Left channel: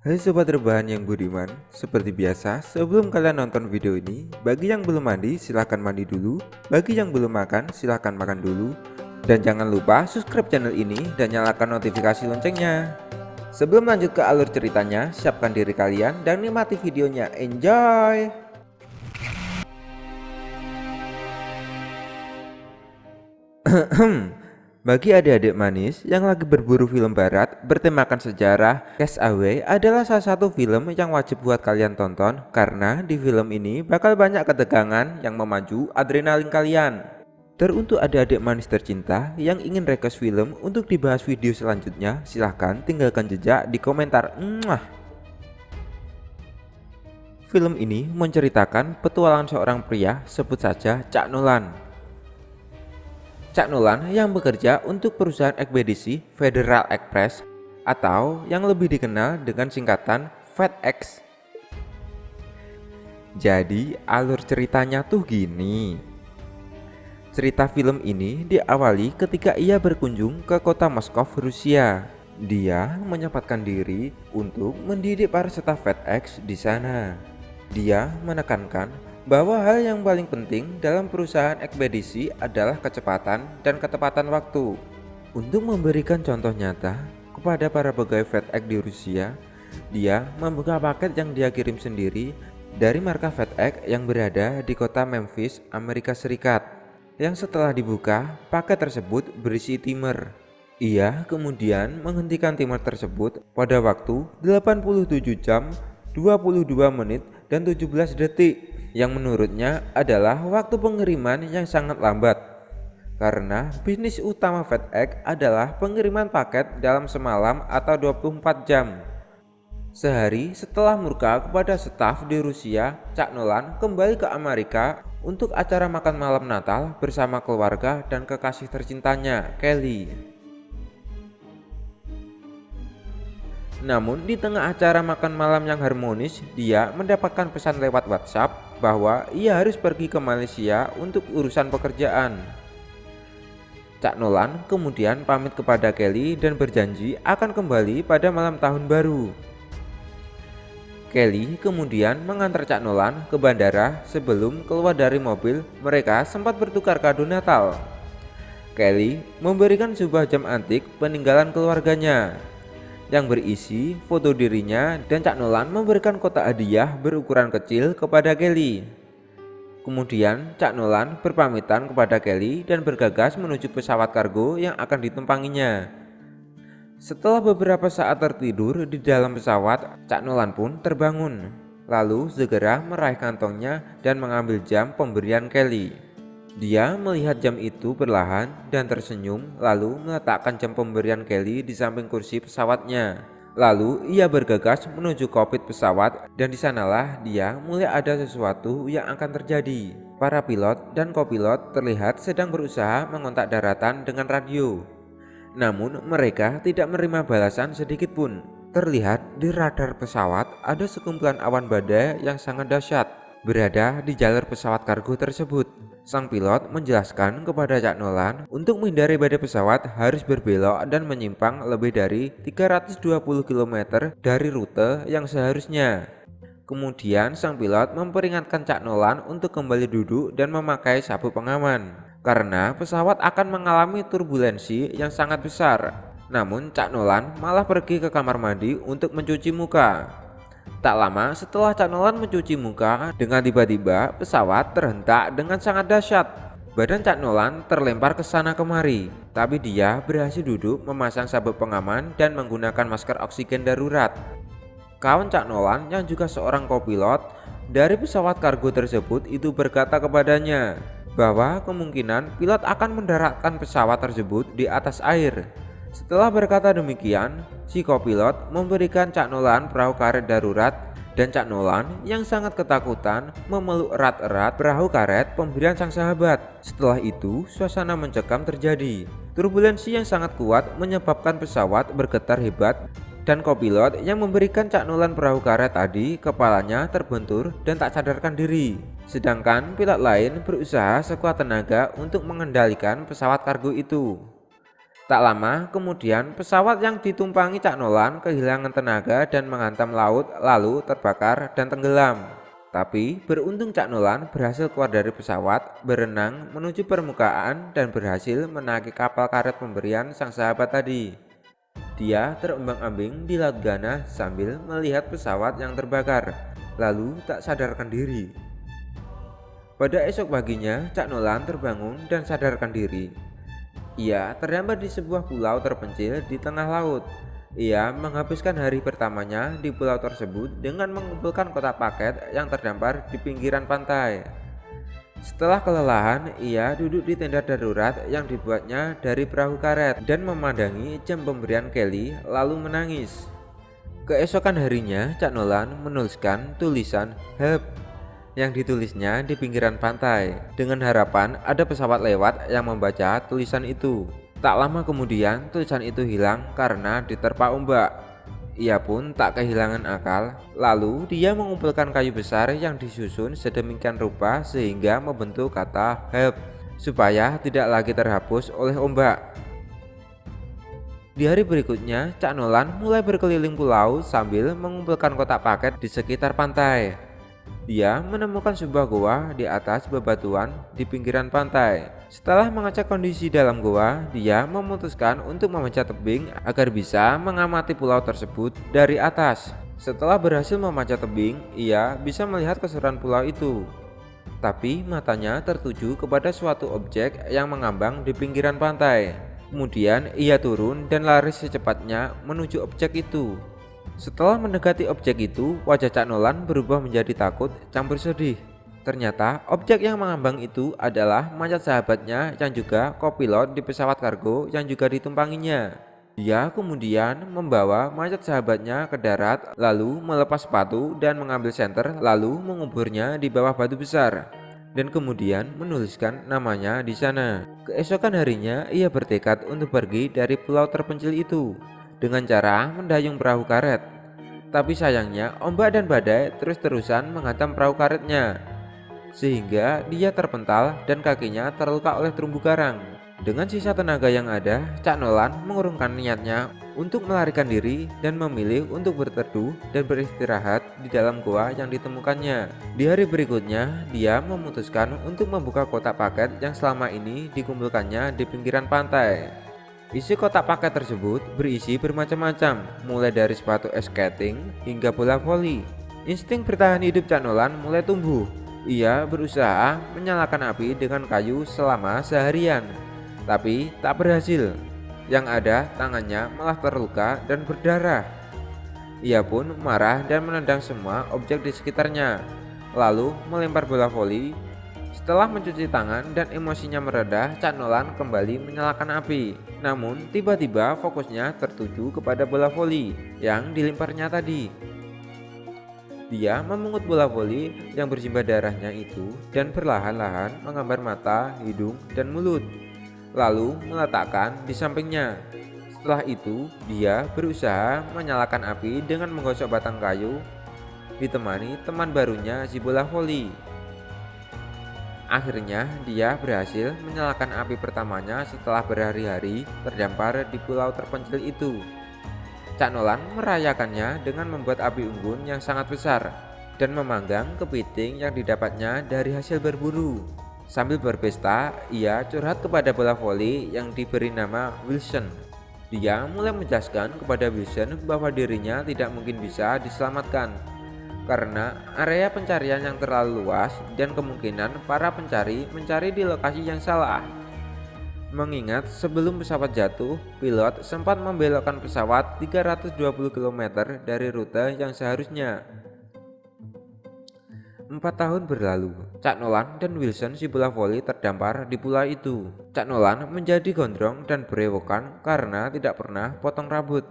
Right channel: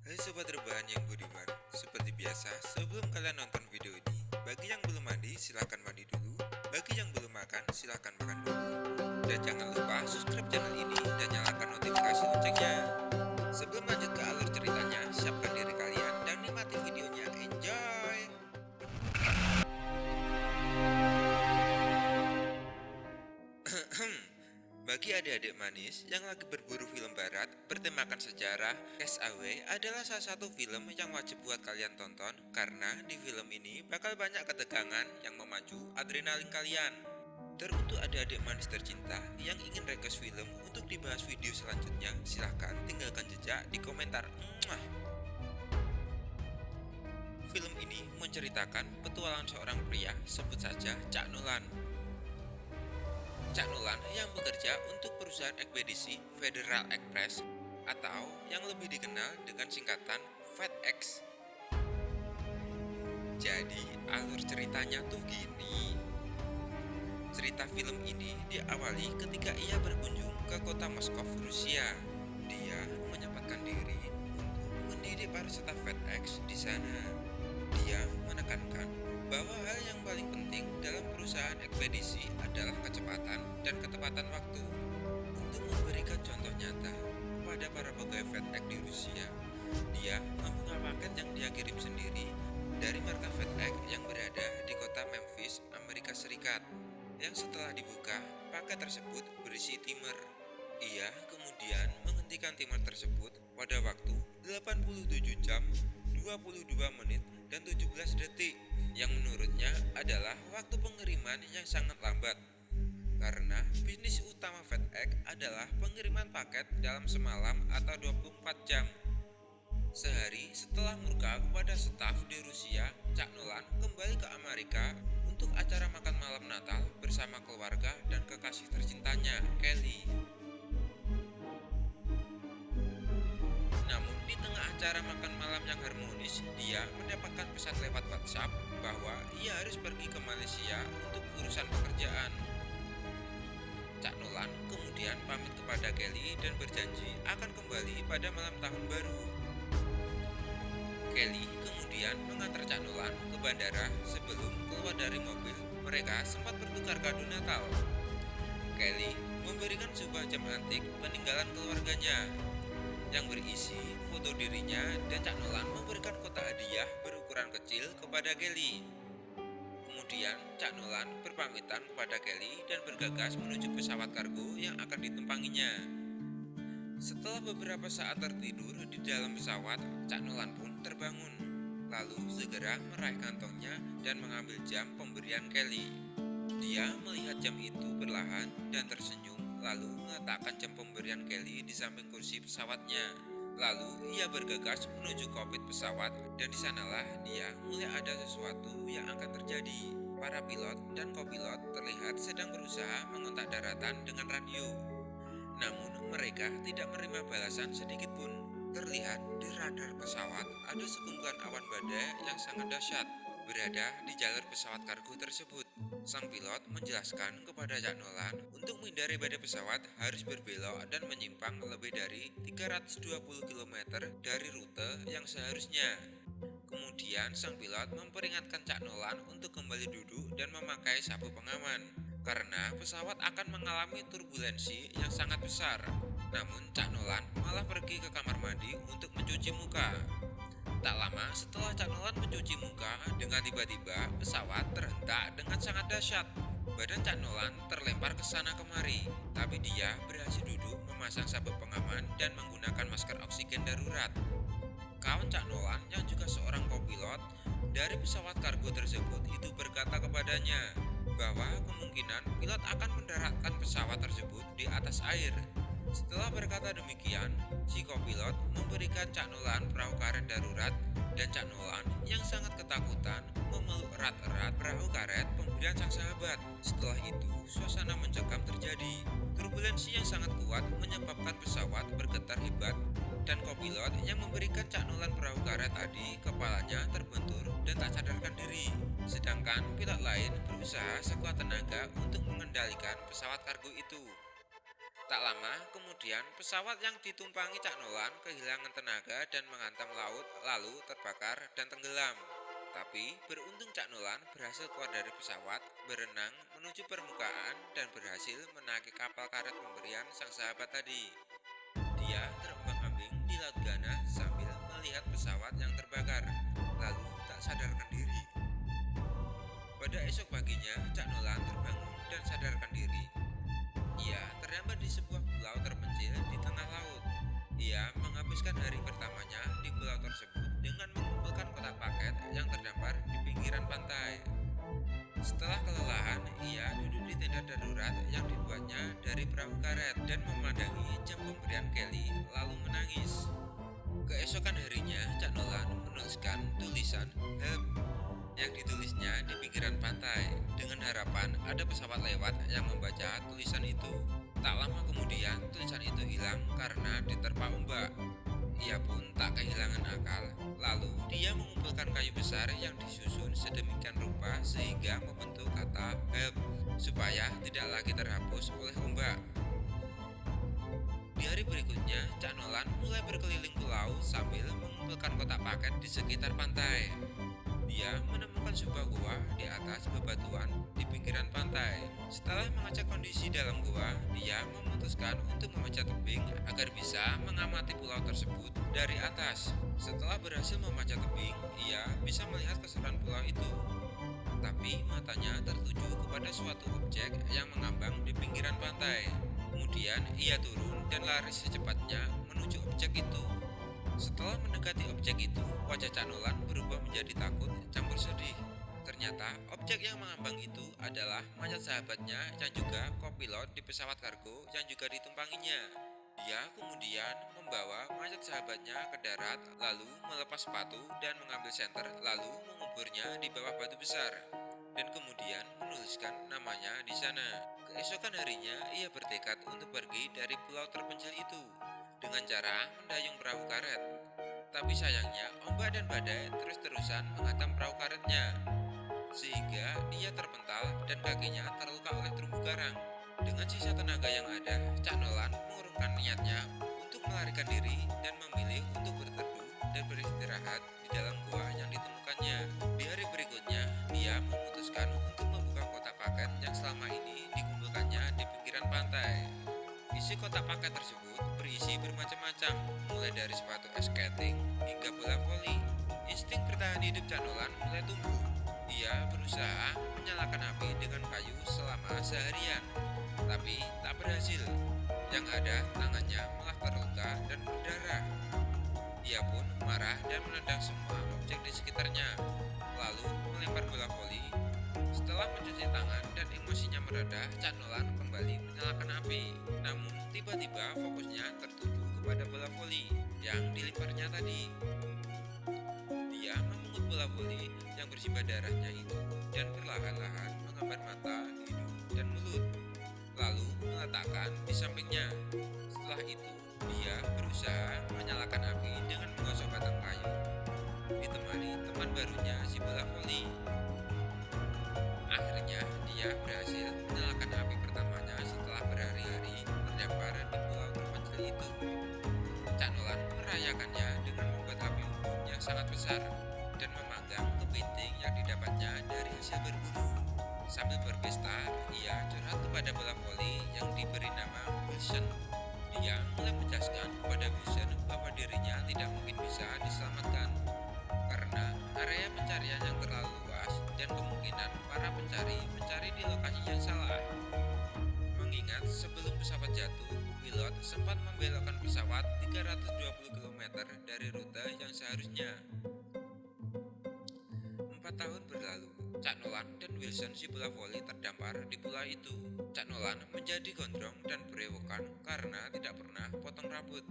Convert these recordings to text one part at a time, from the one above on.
Hai sobat rebahan yang budiman, seperti biasa sebelum kalian nonton video ini, bagi yang belum mandi silahkan mandi dulu, bagi yang belum makan silahkan makan dulu, dan jangan lupa subscribe channel ini dan nyalakan notifikasi loncengnya. Sebelum lanjut ke alur ceritanya, siapkan diri kalian dan nikmati videonya, enjoy! Bagi adik-adik manis yang lagi berburu film barat bertemakan sejarah, Castaway adalah salah satu film yang wajib buat kalian tonton karena di film ini bakal banyak ketegangan yang memacu adrenalin kalian. Teruntuk adik-adik manis tercinta yang ingin request film untuk dibahas video selanjutnya, silahkan tinggalkan jejak di komentar. Film ini menceritakan petualangan seorang pria, sebut saja Cak Nolan. Cak Nolan yang bekerja untuk perusahaan ekspedisi Federal Express atau yang lebih dikenal dengan singkatan FedEx. Jadi alur ceritanya tuh gini. Cerita film ini diawali ketika ia berkunjung ke kota Moskow, Rusia. Dia menyempatkan diri untuk mendidik para staf FedEx di sana. Dia menekankan bahwa hal yang paling penting dalam perusahaan ekspedisi adalah kecepatan dan ketepatan waktu. Untuk memberikan contoh nyata kepada para pegawai FedEx di Rusia, dia membuka paket yang dia kirim sendiri dari markas FedEx yang berada di kota Memphis, Amerika Serikat. Yang setelah dibuka, paket tersebut berisi timer. Ia kemudian menghentikan timer tersebut pada waktu 87 jam, 22 menit, dan 17 detik yang menurutnya adalah waktu pengiriman yang sangat lambat karena bisnis utama FedEx adalah pengiriman paket dalam semalam atau 24 jam. Sehari setelah murka kepada staf di Rusia, Cak Nolan kembali ke Amerika untuk acara makan malam Natal bersama keluarga dan kekasih tercintanya, Kelly. Namun di tengah acara makan malam yang harmonis, dia mendapatkan pesan lewat WhatsApp bahwa ia harus pergi ke Malaysia untuk urusan pekerjaan. Cak Nolan kemudian pamit kepada Kelly dan berjanji akan kembali pada malam tahun baru. Kelly kemudian mengantar Cak Nolan ke bandara. Sebelum keluar dari mobil, mereka sempat bertukar kado Natal. Kelly memberikan sebuah jam antik peninggalan keluarganya yang berisi foto dirinya, dan Cak Nolan memberikan kotak hadiah berukuran kecil kepada Kelly. Kemudian Cak Nolan berpamitan kepada Kelly dan bergegas menuju pesawat kargo yang akan ditumpanginya. Setelah beberapa saat tertidur di dalam pesawat, Cak Nolan pun terbangun, lalu segera meraih kantongnya dan mengambil jam pemberian Kelly. Dia melihat jam itu perlahan dan tersenyum, lalu meletakkan jam pemberian Kelly di samping kursi pesawatnya. Lalu ia bergegas menuju kokpit pesawat, dan di sanalah dia mulai ada sesuatu yang akan terjadi. Para pilot dan kopilot terlihat sedang berusaha mengontak daratan dengan radio. Namun mereka tidak menerima balasan sedikit pun. Terlihat di radar pesawat ada sekumpulan awan badai yang sangat dahsyat berada di jalur pesawat kargo tersebut. Sang pilot menjelaskan kepada Cak Nolan untuk menghindari badai pesawat harus berbelok dan menyimpang lebih dari 320 km dari rute yang seharusnya. Kemudian sang pilot memperingatkan Cak Nolan untuk kembali duduk dan memakai sabuk pengaman karena pesawat akan mengalami turbulensi yang sangat besar. Namun Cak Nolan malah pergi ke kamar mandi untuk mencuci muka. Tak lama setelah Cak Nolan mencuci muka, dengan tiba-tiba pesawat terhentak dengan sangat dahsyat. Badan Cak Nolan terlempar ke sana kemari, tapi dia berhasil duduk, memasang sabuk pengaman dan menggunakan masker oksigen darurat. Kawan Cak Nolan yang juga seorang kopilot dari pesawat kargo tersebut itu berkata kepadanya bahwa kemungkinan pilot akan mendaratkan pesawat tersebut di atas air. Setelah berkata demikian, si kopilot memberikan Cak Nolan perahu karet darurat, dan Cak Nolan yang sangat ketakutan memeluk erat-erat perahu karet pemberian sang sahabat. Setelah itu, suasana mencekam terjadi. Turbulensi yang sangat kuat menyebabkan pesawat bergetar hebat, dan kopilot yang memberikan Cak Nolan perahu karet tadi kepalanya terbentur dan tak sadarkan diri. Sedangkan pilot lain berusaha sekuat tenaga untuk mengendalikan pesawat kargo itu. Tak lama kemudian pesawat yang ditumpangi Cak Nolan kehilangan tenaga dan menghantam laut lalu terbakar dan tenggelam. Tapi beruntung Cak Nolan berhasil keluar dari pesawat, berenang menuju permukaan dan berhasil menaiki kapal karet pemberian sang sahabat tadi. Dia terombang-ambing di Laut Ghana sambil melihat pesawat yang terbakar, lalu tak sadarkan diri. Pada esok paginya, Cak Nolan terbangun dan sadarkan diri. Ia terdampar di sebuah pulau terpencil di tengah laut. Ia menghabiskan hari pertamanya di pulau tersebut dengan mengumpulkan kotak paket yang terdampar di pinggiran pantai. Setelah kelelahan, ia duduk di tenda darurat yang dibuatnya dari perahu karet dan memandangi jam pemberian Kelly lalu menangis. Keesokan harinya, Cak Nolan menuliskan tulisan "Help" yang ditulisnya di pinggiran pantai dengan harapan ada pesawat lewat yang membaca tulisan itu. Tak lama kemudian tulisan itu hilang karena diterpa ombak. Ia pun tak kehilangan akal. Lalu dia mengumpulkan kayu besar yang disusun sedemikian rupa sehingga membentuk kata help supaya tidak lagi terhapus oleh ombak. Di hari berikutnya, Cak Nolan mulai berkeliling pulau sambil mengumpulkan kotak paket di sekitar pantai. Dia menemukan sebuah goa di atas bebatuan di pinggiran pantai. Setelah mengecek kondisi dalam goa, dia memutuskan untuk memanjat tebing agar bisa mengamati pulau tersebut dari atas. Setelah berhasil memanjat tebing, ia bisa melihat keseruan pulau itu. Tapi matanya tertuju kepada suatu objek yang mengambang di pinggiran pantai. Kemudian ia turun dan lari secepatnya menuju objek itu. Setelah mendekati objek itu, wajah Cak Nolan berubah menjadi takut campur sedih. Ternyata objek yang mengambang itu adalah mayat sahabatnya yang juga kopilot di pesawat kargo yang juga ditumpanginya. Dia kemudian membawa mayat sahabatnya ke darat, lalu melepas sepatu dan mengambil senter, lalu menguburnya di bawah batu besar. Dan kemudian menuliskan namanya di sana. Keesokan harinya ia bertekad untuk pergi dari pulau terpencil itu dengan cara mendayung perahu karet. Tapi sayangnya ombak dan badai terus-terusan menghantam perahu karetnya, sehingga dia terpental dan kakinya terluka oleh terumbu karang. Dengan sisa tenaga yang ada, Cak Nolan mengurungkan niatnya untuk melarikan diri dan memilih untuk berteduh dan beristirahat di dalam goa yang ditemukannya. Di hari berikutnya, dia memutuskan untuk membuka kotak paket yang selama ini dikumpulkannya di pinggiran pantai. Isi kotak paket tersebut berisi bermacam-macam, mulai dari sepatu skating hingga bola voli. Insting bertahan hidup Cak Nolan mulai tumbuh. Ia berusaha menyalakan api dengan kayu selama seharian, tapi tak berhasil. Yang ada, tangannya malah terluka dan berdarah. Ia pun marah dan menendang semua objek di sekitarnya, lalu melempar bola voli. Setelah mencuci tangan dan emosinya mereda, Cak Nolan kembali menyalakan api. Namun tiba-tiba fokusnya tertuju kepada bola voli yang dilemparnya tadi. Dia memungut bola voli yang bersimbah darahnya itu dan perlahan-lahan menggambar mata, hidung, dan mulut, lalu meletakkan di sampingnya. Setelah itu, dia berusaha menyalakan api dengan menggosok batang kayu, ditemani teman barunya si bola voli. Akhirnya dia berhasil menyalakan api pertamanya setelah berhari-hari terdampar di pulau terpencil itu. Cak Nolan merayakannya dengan membuat api unggun yang sangat besar dan memanggang kepiting yang didapatnya dari hasil berburu. Sambil berpesta, ia curhat kepada bola voli yang diberi nama Wilson. Dia mulai menjelaskan kepada Wilson bahwa dirinya tidak mungkin bisa diselamatkan karena area pencarian yang terlalu luas dan kemungkinan para pencari mencari di lokasi yang salah. Mengingat sebelum pesawat jatuh, pilot sempat membelokkan pesawat 320 km dari rute yang seharusnya. 4 tahun berlalu, Cak Nolan dan Wilson si bola voli terdampar di pulau itu. Cak Nolan menjadi gondrong dan berewokan karena tidak pernah potong rambut.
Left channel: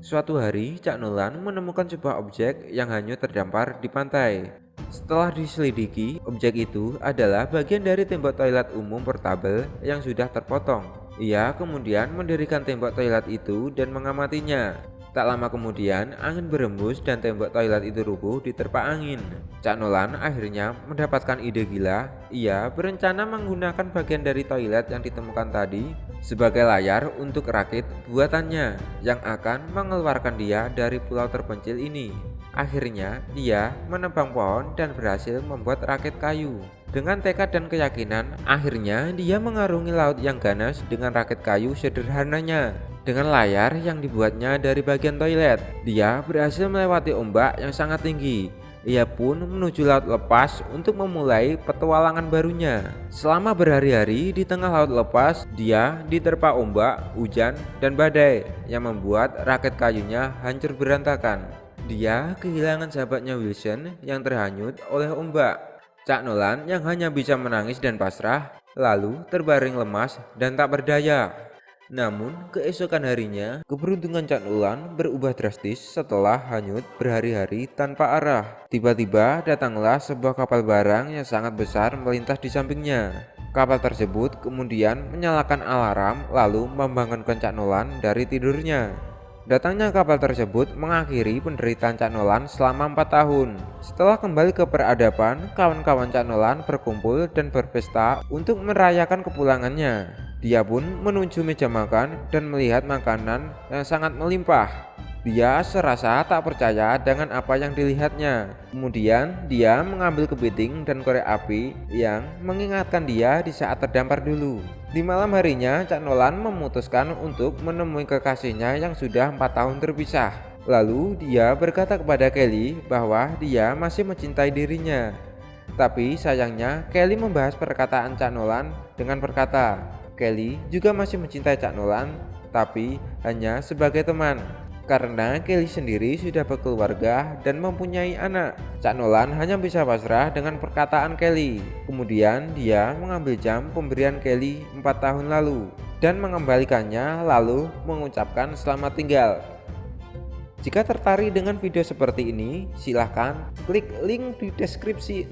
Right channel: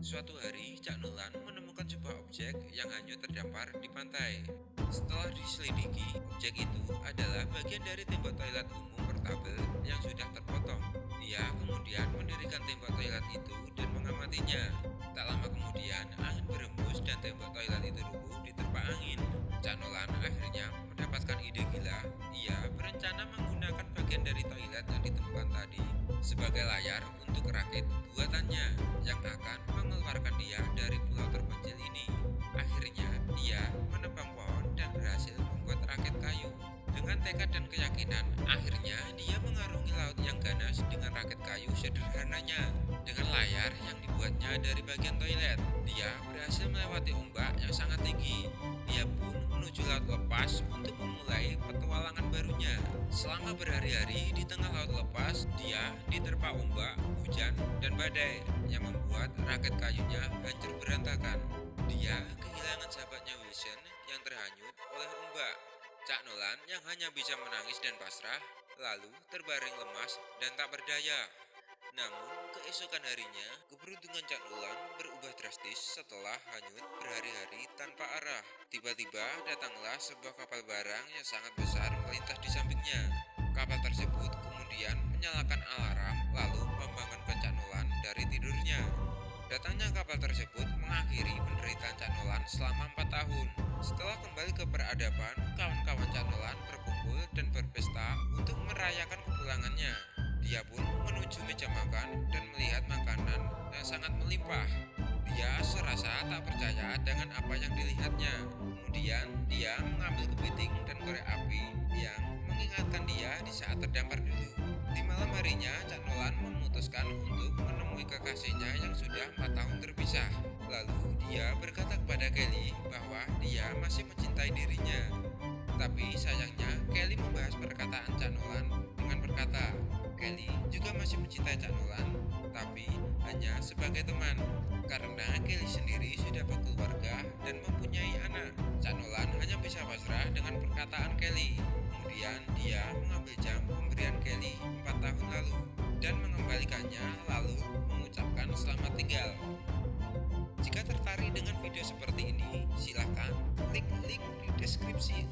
Suatu hari, Cak Nolan menemukan sebuah objek yang hanyut terdampar di pantai. Setelah diselidiki, objek itu adalah bagian dari tembok toilet umum portabel yang sudah terpotong. Ia kemudian mendirikan tembok toilet itu dan mengamatinya. Tak lama kemudian, angin berembus dan tembok toilet itu rubuh diterpa angin. Cak Nolan akhirnya mendapatkan ide gila. Ia berencana menggunakan bagian dari toilet yang ditemukan tadi sebagai layar untuk rakit buatannya yang akan mengeluarkan dia dari pulau terpencil ini. Akhirnya, dia menebang pohon dan berhasil membuat rakit kayu. Dengan tekad dan keyakinan, akhirnya dia mengarungi laut yang ganas dengan rakit kayu sederhananya. Dengan layar yang dibuatnya dari bagian toilet, dia berhasil melewati ombak yang sangat tinggi. Ia pun menuju laut lepas untuk memulai petualangan barunya. Selama berhari-hari di tengah laut lepas, dia diterpa ombak, hujan, dan badai yang membuat rakit kayunya hancur berantakan. Dia kehilangan sahabatnya Wilson yang terhanyut oleh ombak. Cak Nolan yang hanya bisa menangis dan pasrah, lalu terbaring lemas dan tak berdaya. Namun, keesokan harinya, keberuntungan Cak Nolan berubah drastis setelah hanyut berhari-hari tanpa arah. Tiba-tiba datanglah sebuah kapal barang yang sangat besar melintas di sampingnya. Kapal tersebut kemudian menyalakan alarm lalu membangunkan Cak Nolan dari tidurnya. Datangnya kapal tersebut mengakhiri penderitaan Cak Nolan selama 4 tahun. Setelah kembali ke peradaban, kawan-kawan Cak Nolan berkumpul dan berpesta untuk merayakan kepulangannya. Dia pun menuju meja makan dan melihat makanan yang sangat melimpah. Dia serasa tak percaya dengan apa yang dilihatnya. Kemudian dia mengambil kepiting dan korek api yang mengingatkan dia di saat terdampar dulu. Di malam harinya, Cak Nolan memutuskan untuk menemui kekasihnya yang sudah 4 tahun terpisah. Lalu dia berkata kepada Kelly bahwa dia masih mencintai dirinya. Tapi sayangnya Kelly membahas perkataan Cak Nolan dengan berkata, Kelly juga masih mencintai Cak Nolan, tapi hanya sebagai teman. Karena Kelly sendiri sudah berkeluarga dan mempunyai anak. Cak Nolan hanya bisa pasrah dengan perkataan Kelly. Kemudian dia mengambil jam pemberian Kelly 4 tahun lalu dan mengembalikannya lalu mengucapkan selamat tinggal. Jika tertarik dengan video seperti ini, silahkan klik link di deskripsi.